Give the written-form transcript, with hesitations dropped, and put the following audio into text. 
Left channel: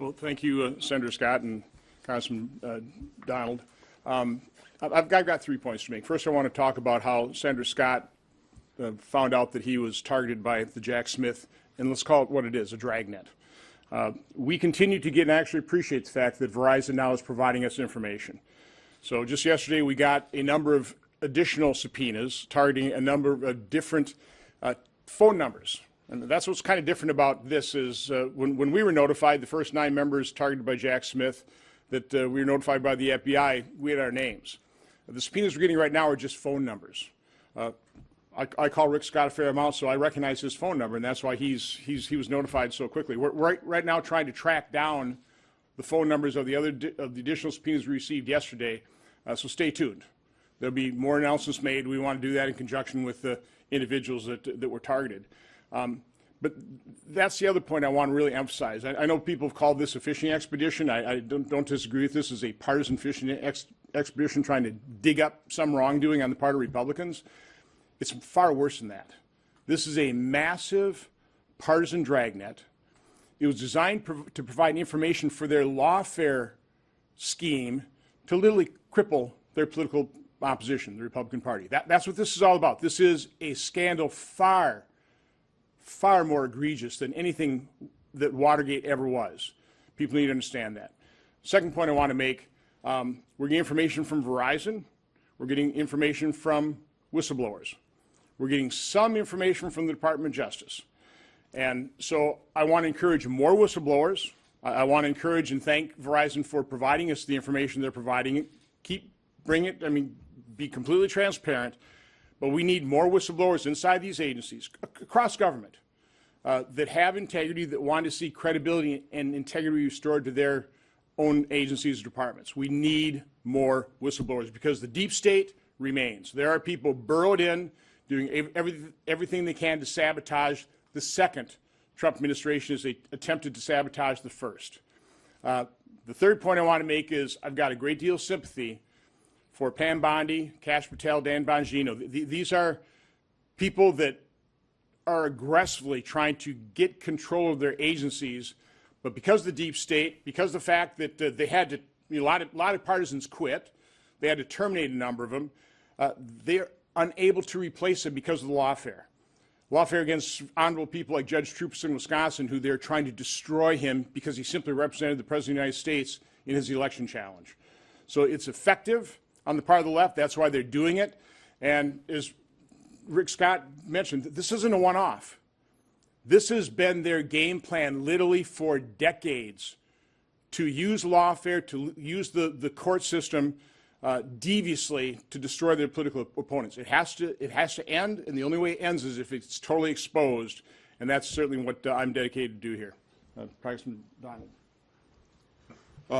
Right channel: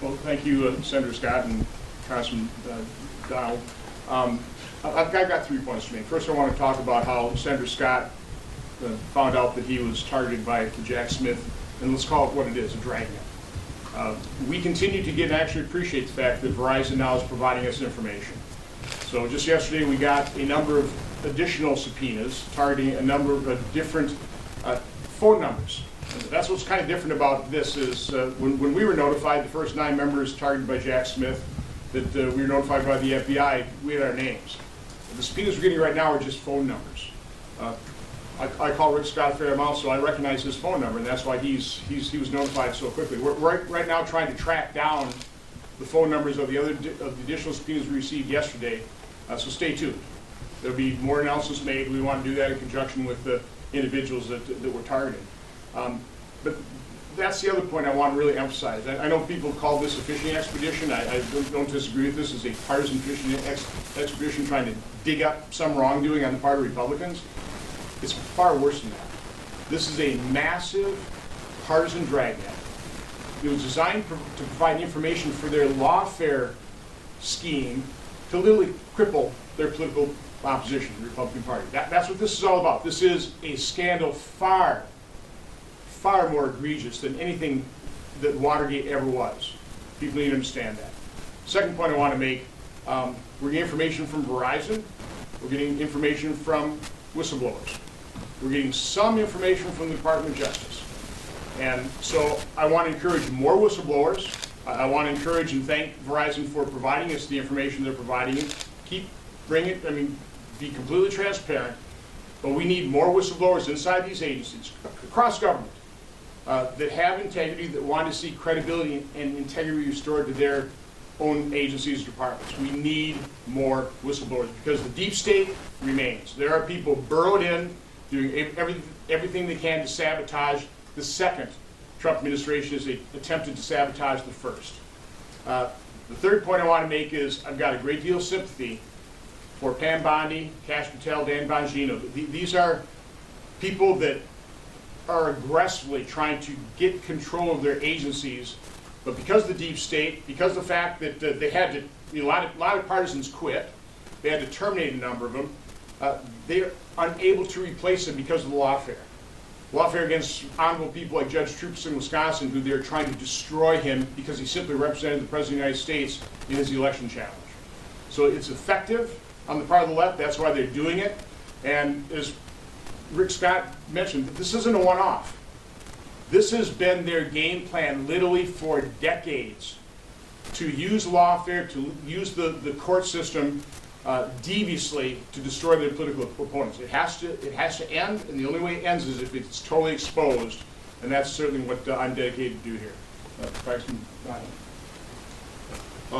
Well, thank you, Senator Scott and Congressman Donald. I've got 3 points to make. First, I want to talk about how Senator Scott found out that he was targeted by Jack Smith, and let's call it what it is, a dragnet. We continue to get and actually appreciate the fact that Verizon now is providing us information. So just yesterday we got a number of additional subpoenas targeting a number of different phone numbers. That's what's kind of different about this is when we were notified, the first 9 members targeted by Jack Smith, that we were notified by the FBI, we had our names. The subpoenas we're getting right now are just phone numbers. I call Rick Scott a fair amount, so I recognize his phone number, and that's why he was notified so quickly. We're right now trying to track down the phone numbers of the additional subpoenas we received yesterday, so stay tuned. There'll be more announcements made. We want to do that in conjunction with the individuals that we're targeting. But that's the other point I want to really emphasize. I know people call this a fishing expedition. I don't disagree with this as a partisan fishing expedition trying to dig up some wrongdoing on the part of Republicans. It's far worse than that. This is a massive partisan dragnet. It was designed to provide information for their lawfare scheme to literally cripple their political opposition, the Republican Party. That's what this is all about. This is a scandal far more egregious than anything that Watergate ever was. People need to understand that. Second point I want to make, we're getting information from Verizon. We're getting information from whistleblowers. We're getting some information from the Department of Justice. And so I want to encourage more whistleblowers. I want to encourage and thank Verizon for providing us the information they're providing. Be completely transparent, but we need more whistleblowers inside these agencies, across government, that have integrity, that want to see credibility and integrity restored to their own agencies and departments. We need more whistleblowers because the deep state remains. There are people burrowed in, doing everything they can to sabotage the second Trump administration as they attempted to sabotage the first. The third point I want to make is I've got a great deal of sympathy for Pam Bondi, Kash Patel, Dan Bongino. These are people that are aggressively trying to get control of their agencies, but because of the deep state, because of the fact that they had to, a lot of partisans quit, they had to terminate a number of them, they're unable to replace them because of the lawfare. Lawfare against honorable people like Judge Troops in Wisconsin, who they're trying to destroy him because he simply represented the President of the United States in his election challenge. So it's effective on the part of the left. That's why they're doing it. And as Rick Scott mentioned, this isn't a one-off. This has been their game plan literally for decades, to use lawfare, to use the court system deviously to destroy their political opponents. It has to end, and the only way it ends is if it's totally exposed, and that's certainly what I'm dedicated to do here. Congressman Ryan.